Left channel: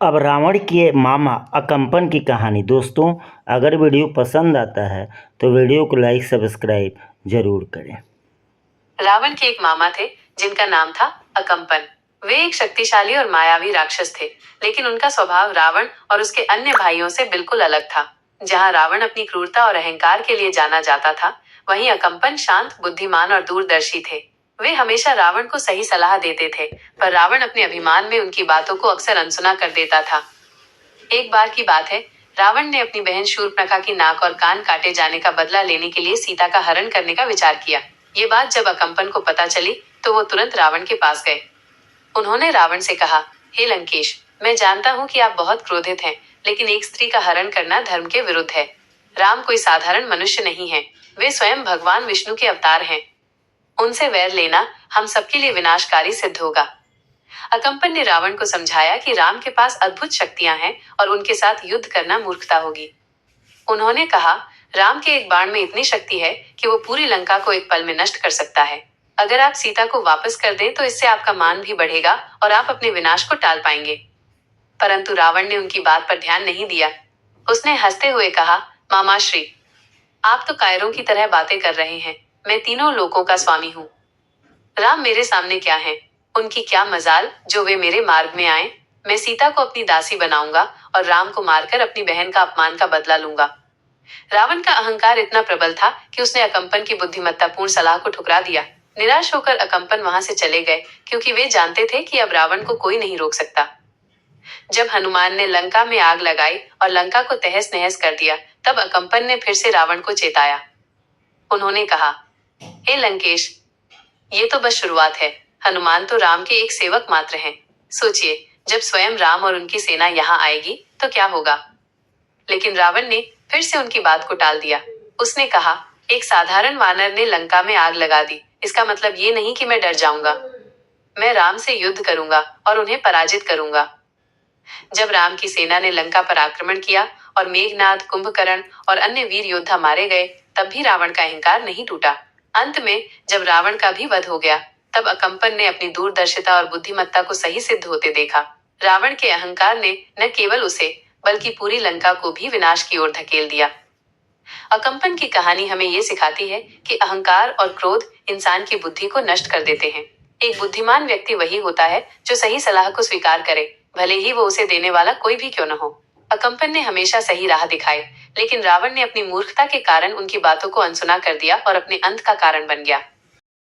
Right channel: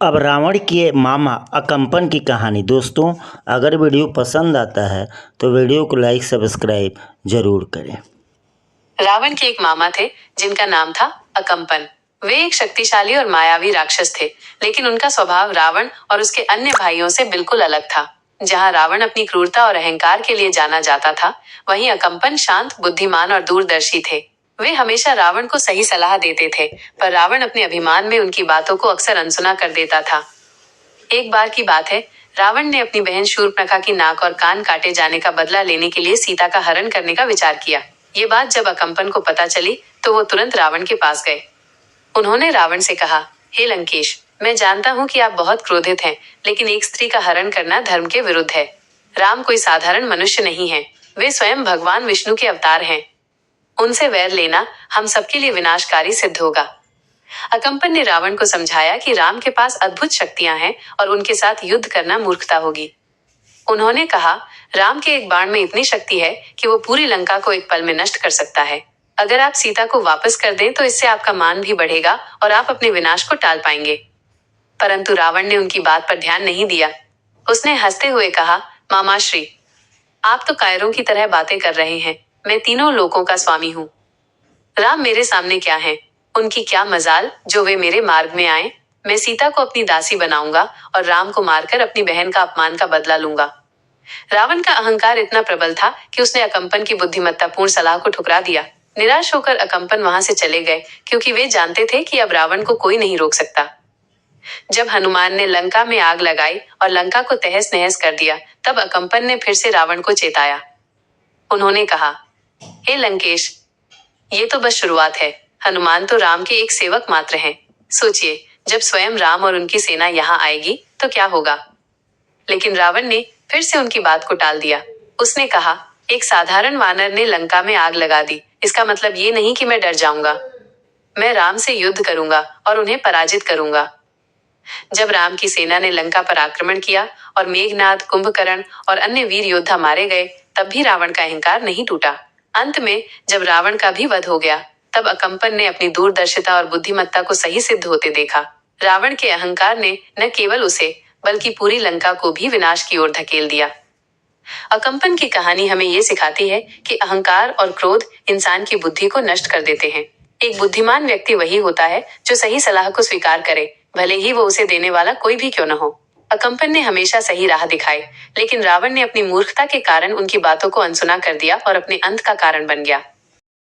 अब रावण के मामा अकम्पन की कहानी। दोस्तों, अगर वीडियो पसंद आता है तो वीडियो को लाइक सब्सक्राइब जरूर करें। रावण के एक मामा थे जिनका नाम था अकम्पन। वे एक शक्तिशाली और मायावी राक्षस थे, लेकिन उनका स्वभाव रावण और उसके अन्य भाइयों से बिल्कुल अलग था। जहाँ रावण अपनी क्रूरता और अहंकार के लिए जाना जाता था, वहीं अकम्पन शांत, बुद्धिमान और दूरदर्शी थे। वे हमेशा रावण को सही सलाह देते थे, पर रावण अपने अभिमान में उनकी बातों को अक्सर अनसुना कर देता था। एक बार की बात है, रावण ने अपनी बहन शूर्पणखा की नाक और कान काटे जाने का बदला लेने के लिए सीता का हरण करने का विचार किया। ये बात जब अकम्पन को पता चली तो वो तुरंत रावण के पास गए। उन्होंने रावण से कहा, हे लंकेश, मैं जानता हूँ कि आप बहुत क्रोधित हैं, लेकिन एक स्त्री का हरण करना धर्म के विरुद्ध है। राम कोई साधारण मनुष्य नहीं है, वे स्वयं भगवान विष्णु के अवतार हैं। उनसे वैर लेना हम सबके लिए विनाशकारी सिद्ध होगा। अकम्पन ने रावण को समझाया कि राम के पास अद्भुत शक्तियां हैं और उनके साथ युद्ध करना मूर्खता होगी। उन्होंने कहा, राम के एक बाण में इतनी शक्ति है कि वो पूरी लंका को एक पल में नष्ट कर सकता है। अगर आप सीता को वापस कर दें तो इससे आपका मान भी बढ़ेगा और आप अपने विनाश को टाल पाएंगे। परंतु रावण ने उनकी बात पर ध्यान नहीं दिया। उसने हंसते हुए कहा, मामाश्री, आप तो कायरों की तरह बातें कर रहे हैं। मैं तीनों लोकों का स्वामी हूँ। राम मेरे सामने क्या है? उनकी क्या मजाल जो वे मेरे मार्ग में आए। मैं सीता को अपनी दासी बनाऊंगा और राम को मारकर अपनी बहन का अपमान का बदला लूंगा। रावण का अहंकार इतना प्रबल था कि उसने अकम्पन की बुद्धिमत्तापूर्ण सलाह को ठुकरा दिया। निराश होकर अकम्पन वहां से चले गए, क्योंकि वे जानते थे कि अब रावण को कोई नहीं रोक सकता। जब हनुमान ने लंका में आग लगाई और लंका को तहस नहस कर दिया, तब अकम्पन ने फिर से रावण को चेताया। उन्होंने कहा, हे लंकेश, ये तो बस शुरुआत है। हनुमान तो राम के एक सेवक मात्र हैं। सोचिए, जब स्वयं राम और उनकी सेना यहाँ आएगी तो क्या होगा। लेकिन रावण ने फिर से उनकी बात को टाल दिया। उसने कहा, एक साधारण वानर ने लंका में आग लगा दी, इसका मतलब ये नहीं कि मैं डर जाऊंगा। मैं राम से युद्ध करूंगा और उन्हें पराजित करूंगा। जब राम की सेना ने लंका पर आक्रमण किया और मेघनाद, कुंभकर्ण और अन्य वीर योद्धा मारे गए, तब भी रावण का अहंकार नहीं टूटा। अंत में जब रावण का भी वध हो गया, तब अकम्पन ने अपनी दूरदर्शिता और बुद्धिमत्ता को सही सिद्ध होते देखा। रावण के अहंकार ने न केवल उसे बल्कि पूरी लंका को भी विनाश की ओर धकेल दिया। अकम्पन की कहानी हमें ये सिखाती है कि अहंकार और क्रोध इंसान की बुद्धि को नष्ट कर देते हैं। एक बुद्धिमान व्यक्ति वही होता है जो सही सलाह को स्वीकार करे, भले ही वो उसे देने वाला कोई भी क्यों न हो। अकम्पन ने हमेशा सही राह दिखाई, लेकिन रावण ने अपनी मूर्खता के कारण उनकी बातों को अनसुना कर दिया और अपने अंत का कारण बन गया।